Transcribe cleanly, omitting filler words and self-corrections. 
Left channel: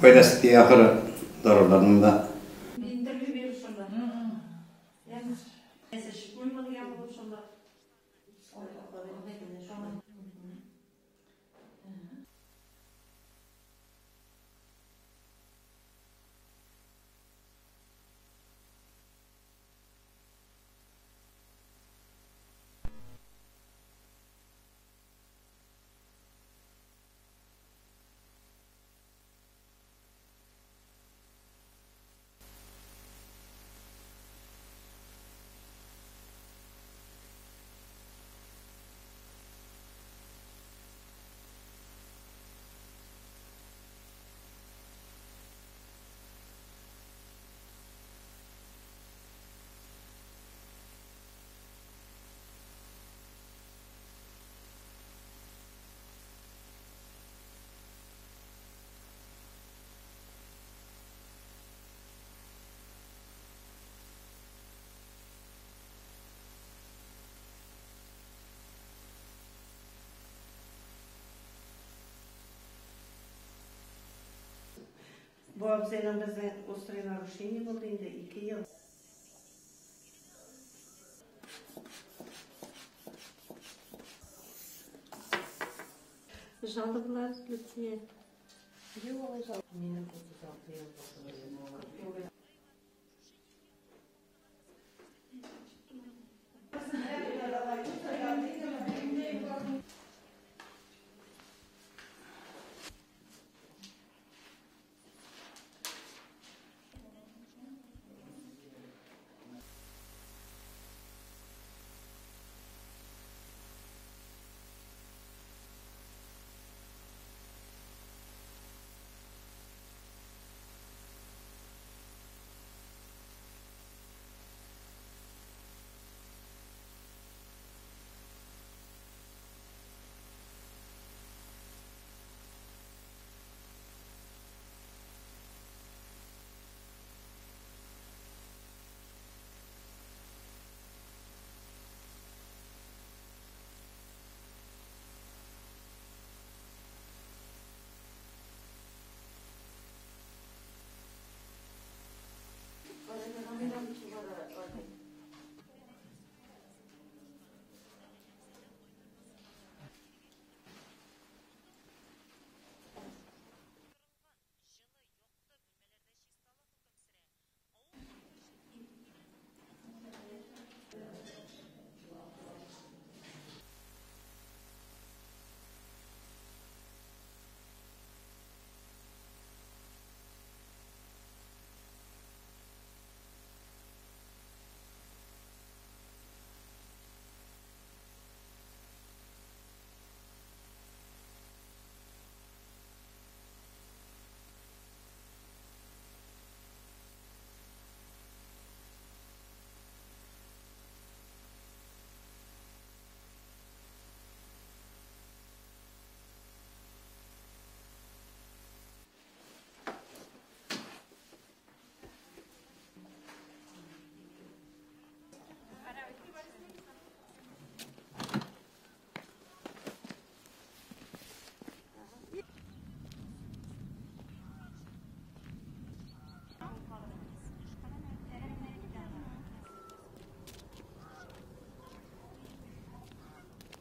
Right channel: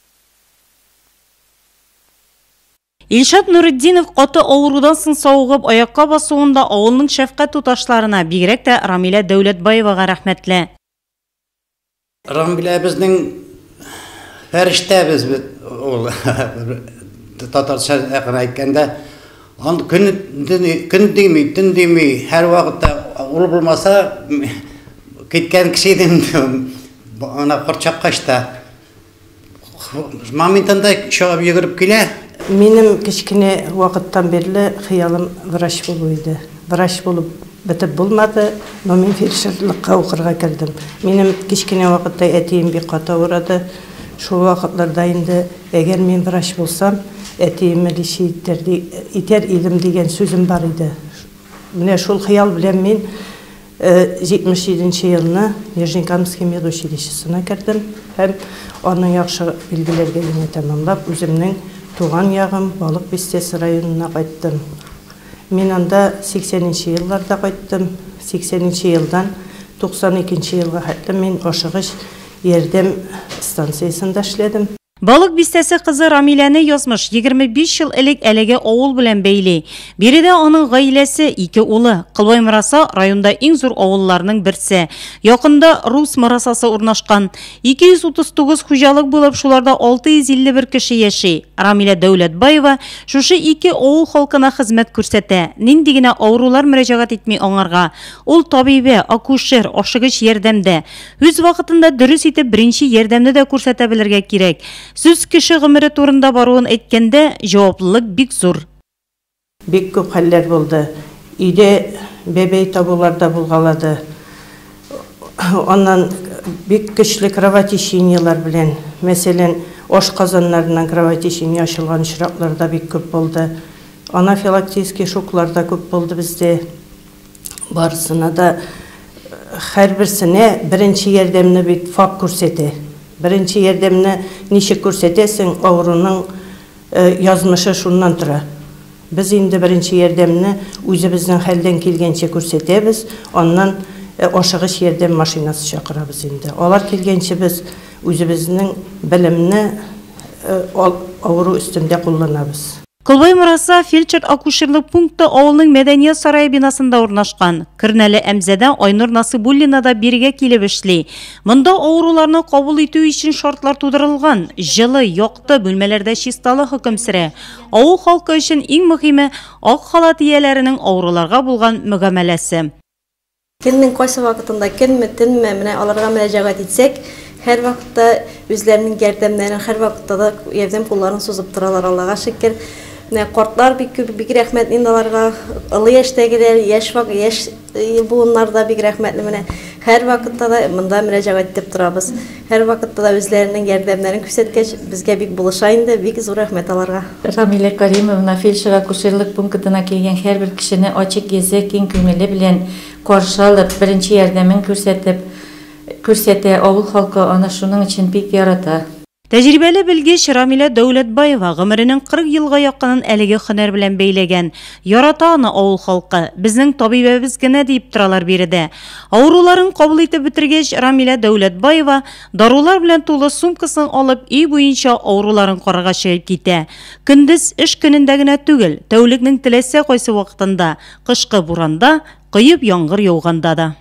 Faydası ahırı daralarında. Илшат Нуриддинов қоты аурудан соң сауығып аяққа басуында ауылның шәфқат туташларына, бигерәк тә Рамилә Дәүләтбаеваға рәхмәтле. Рамилә безнең фәрештә без ул татарча әйткәндә көн дими, төн дими, һәр вакытта ул булмаса киткән кеше идем. Ана корчаккачта моментында чыгып йөгереп килә. Минем кичкене вакыттан берле хыялым врач булу иде. Врач булып битеп булмады, но мин фельдшерлыкка укырга кирдим. Минем кичкене вакытта әтием бик каты авырады. Шул вакытларда инде әгәр мин врач булсам, әтиемне итәр идем дигән сүзем бар иде. Менә шул хыял белән мин 77 елны Нижнекамский медучилищесына кирдим һәм аның яхшы билгеләргә тәмамлап үземнең туган ягым Балык Бистәсе районына кайттым. Мин анда 80-нче елларда кайттым. 80-нче елдан 92-нче елга хәтле мин ашыгыч ярдәм станциясында эшләдем. Балык Бистәсе кызы Рамиләне язмыш 25 ел элек әлеге авыл белән бәйли. Биредә аның гаиләсе 2 улы. Кылбай Мыраса районда иң зур авылларның берсе. Якында Рус Мырасасы урнашкан. 239 хуҗалык булып, шуларда 651 кеше яши. Рамилә Дәүләтбаева шушы 2 авыл халкына хезмәт күрсәтә. Нинди генә авырулар мөрәҗәгать итми аңарга. Ул табибе, акушер, ашыгыч ярдәмдә. Үз вакытында дөрес итеп беренче ярдәмне дә күрсәтә белергә кирәк. Сүз кеше гомере турында баруын әйткәндә, җаваплылык бик зур. Бик күп хәлләр булды. Өйдә бәбәй табуларда булгалады. Аннан бик көчле кровотечениялар белән, мәсәлән, ашказаннарыннан кровотечение ачылган очракларда бик күп булды. Анафилактический шокларда күп булды бездә. Барысына да һәрберсенә беренче ярдәмне бит факт күрсәтә. Birinci yardımını nişik көрсетесің, ауруның язмышы шуннан тұра. Biz indi birinci yardımını özümüzden halden kelgençe көрсетебіз, ondan aşağış yardım maşinası çakırabız indi. Olar kelgençe biz özümüzden bilimini auru üstünde kullanabız. Кылбай Мыраса фельдшер-акушерлык пункты авылның Мәдәният сарайы бинасында урнашкан. Кирнәле Әмзәдә Айнур Насыбуллина да биргә килеп эшли. Монда авыруларны кабул итү өчен шартлар тудырылган. Җылы, якты бүлмәләрдә чисталы хөкем сөрә. Авыл халкы өчен иң мөһиме ак халат ияләренең авыруларга булган мөгамәләсе. Көннең кайсы вакытында көнме-төнме менә аларга мөрәҗәгать итсәк, һәр вакытта үзләренең ярдәмнәрен, һәр вакытта да ярдәм кулларын сузып торалар, Аллага шөкер. Кортлар бик рәхмәт инде аларга, ылы яшьтәгеләр, яшь буыннар да бик рәхмәтле менә. Һәр вакытта да монда мөрәҗәгать итеп торабыз. Һәр вакытта да үзләренең ярдәмнәрен күрсәткәч, безгә бик булыша инде, бик зур рәхмәт аларга. Рамилә Каримовна фельдшер-акушерлык пунктына килгән һәрбер кешене ачык йөзе, киң күңеле белән каршы алып, беренче ярдәмен күрсәтә, авыл халкы аны шуның өчен бик ярата. Тәҗрибәле белгеч Рамилә Дәүләтбаева гомеренең 40 елга якынын әлеге һөнәр белән бәйләгән. Ярата аны авыл халкы. Безнең табибебез генә дип торалар биредә. Авыруларын кабул итеп бетергәч, Рамилә Дәүләтбаева дарулар белән тулы сумкасын алып, үй буенча авыруларын карарга чыгып китә. Көндез эш көнендә генә түгел, тәүлекнең теләсә кайсы вакытында, кышкы буранда, кыйып яңгыр яуганда да.